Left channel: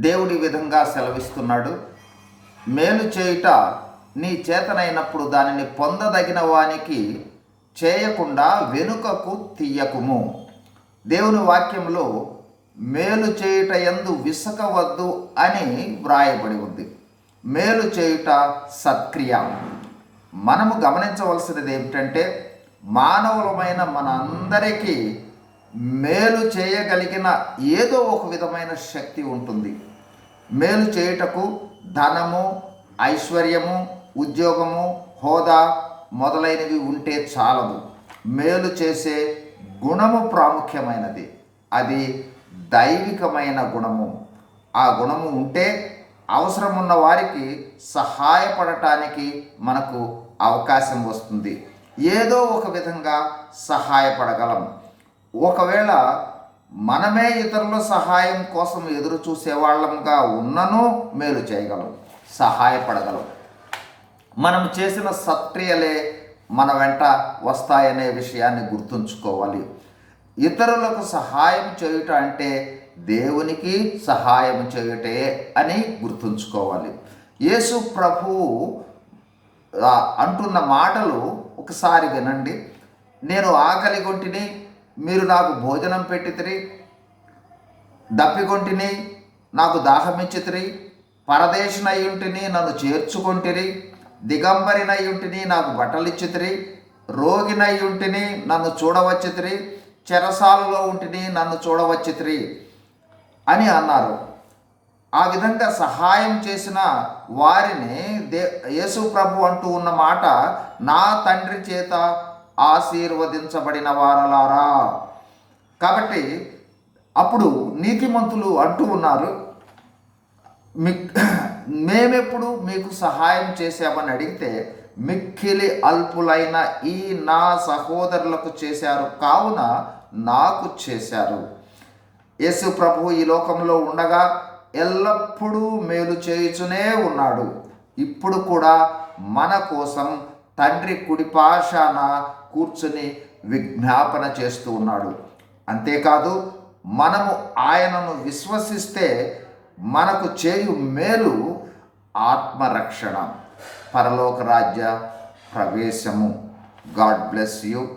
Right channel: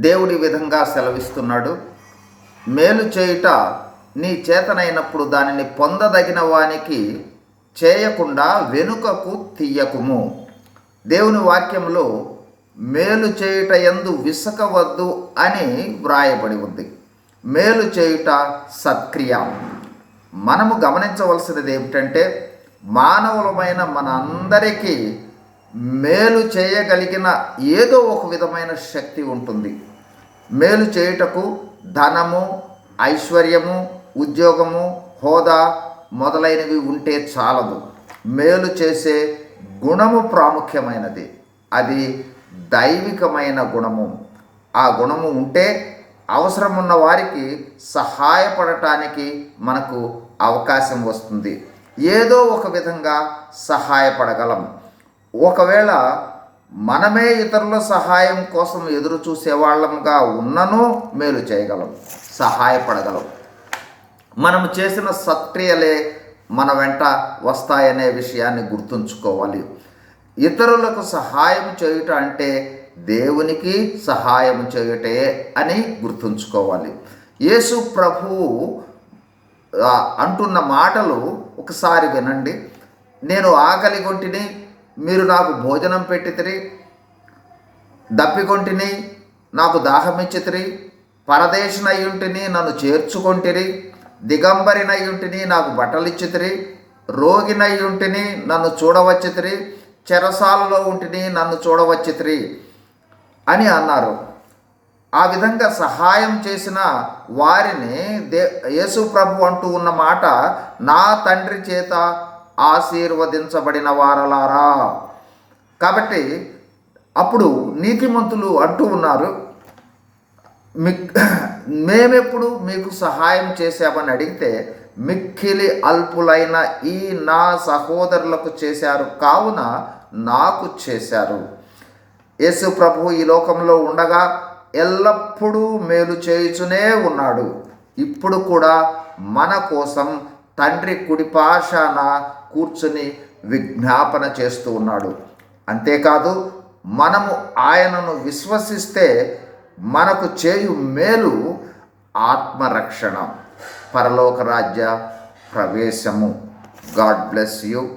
దేవుడి విధంగా సెలవిస్తున్నాడు. మేలు చేయుట నీ చేతనైనప్పుడు దానిని పొందదగిన వానికి చేయకుండా వెనుకకు తీయకుము. దేవుని వాక్యంలో మేలు చేయుట ఎందు విసకవద్దు అని వ్రాయబడి ఉంది. మేలు చేయుట సత్క్రియ. మనము గమనించవలసినది ఏమిటంటే మానవులమైన మన అందరికీ మేలు చేయగలిగిన ఏదో ఒక విధమైన శక్తి ఉంటుంది. మేలు చేయుటకు ధనము ఐశ్వర్యము ఉద్యోగము హోదా మొదలైనవి ఉంటే చాలదు. మేలు చేసే గుణము ప్రాముఖ్యమైనది. అది దైవికమైన గుణము. ఆ గుణము ఉంటే అవసరం ఉన్న వారికి సహాయపడటానికి మనకు అవకాశం వస్తుంది. ఏదో ఒక విధంగా సహాయపడగలం. ఒకవేళ మనమే ఇతరుల సహాయం కోసం ఎదురు చూసేవాళ్ళంగా ఉన్నను మేలు చేయగలం సహాయపడగలం మనం చేసిన సత్క్రియలే మన వెంట వస్తాయనే విషయాన్ని గుర్తుంచుకోవాలి. ఇతరులకు సహాయం చేయుట అంటే దేవునికి సహాయం చేయుటే అని గుర్తుంచుకోవాలి. యేసు ప్రభువు అంటున్న మాటలు ఒకసారి వినండి. నేను ఆకలి కొంటిని మీరు నాకు భోజనం పెట్టితిరి దప్పికొంటిని నాకు దాహమిచ్చితిరి పరదేశనయ్యుంటిని నన్ను చేర్చుకొంటిరి దిగంబరినయ్యుంటిని నాకు బట్టలిచ్చితిరి రోగినయ్యుంటిని నన్ను చూడవచ్చితిరి చెరసాలలో ఉంటిని నన్ను చూడవచ్చితిరి అని అన్నారు. ఆ విధంగా సహాయం చేసిన వారిని దే యేసు ప్రభు అంటూ ఉన్న మాట నా తండ్రి చేత ఆశీర్వదించబడిన వారలారా. కాబట్టి అప్పుడు నీతిమంతులు అంటూ ఉన్నారు మిక్ మేమెప్పుడు మీకు సహాయం చేశామని అడిగితే మిక్కిలి అల్పులైన ఈ నా సహోదరులకు చేశారు. కావున నాకు చేశారు. యేసు ప్రభు ఈ లోకంలో ఉండగా ఎల్లప్పుడూ మేలు చేయుచునే ఉన్నాడు. ఇప్పుడు కూడా మన కోసం తండ్రి కుడిపాషాన కూర్చుని విజ్ఞాపన చేస్తూ ఉన్నాడు. అంతేకాదు మనము ఆయనను విశ్వసిస్తే మనకు చేయు మేలు ఆత్మరక్షణ. పరలోక రాజ్య ప్రవేశము. God bless you.